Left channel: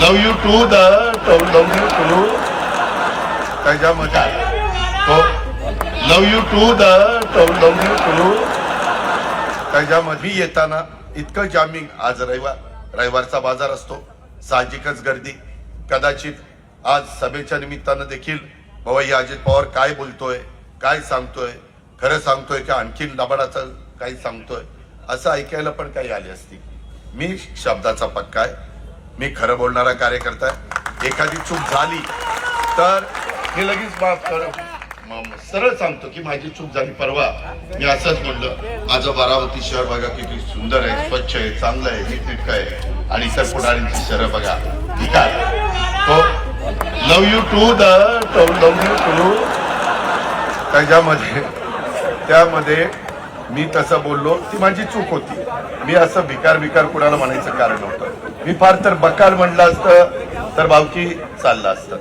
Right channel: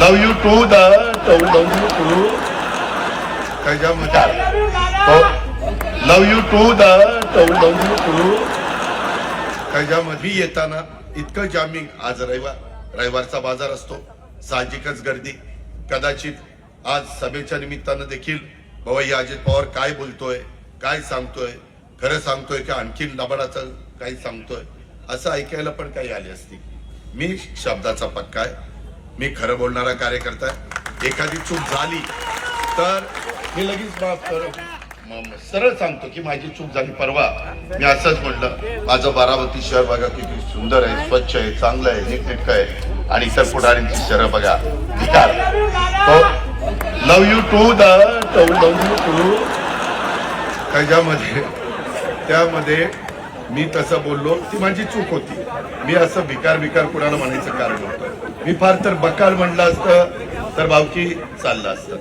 Love you too the love you too त्याच्यामध्ये तो love you too the love you too त्याच्यामध्ये येताना इतकं जामिंग. आज रविवारचा बाजार असतो, साहजिकच गर्दी. कदाचित आज सभेच्या निमित्तानं देखील भवई अजित पवार काय बोलतोय, काय सांगतोय, खरं सांगतोय का आणखीन लबाडाचं काही सांगतोय असं ऐकायला पण काही आले असतील. मी शब्दाचा पक्का आहे, मी खरं बोलणारा कार्यकर्ता आहे. एखादी चूक झाली तर मी लगेच माफ कर सरळ सांगतो की माझी चूक झाली. परवा मी असंच म्हटलं, माझं बारामती शहर बघा किती सुंदर आहे, स्वच्छ आहे, चांगलं आहे, नीटनेटकं आहे. आणि इतर पुढाऱ्यांची शहर बघा, तो love you too the love you too त्यामध्ये मी तसं बोललो, ती माझी चूक होती. मी असं भिकार कुणाला म्हणायचं कारण होतं. मी फार तर बकाल म्हणलं असतं तर भावकी चाललं असतं.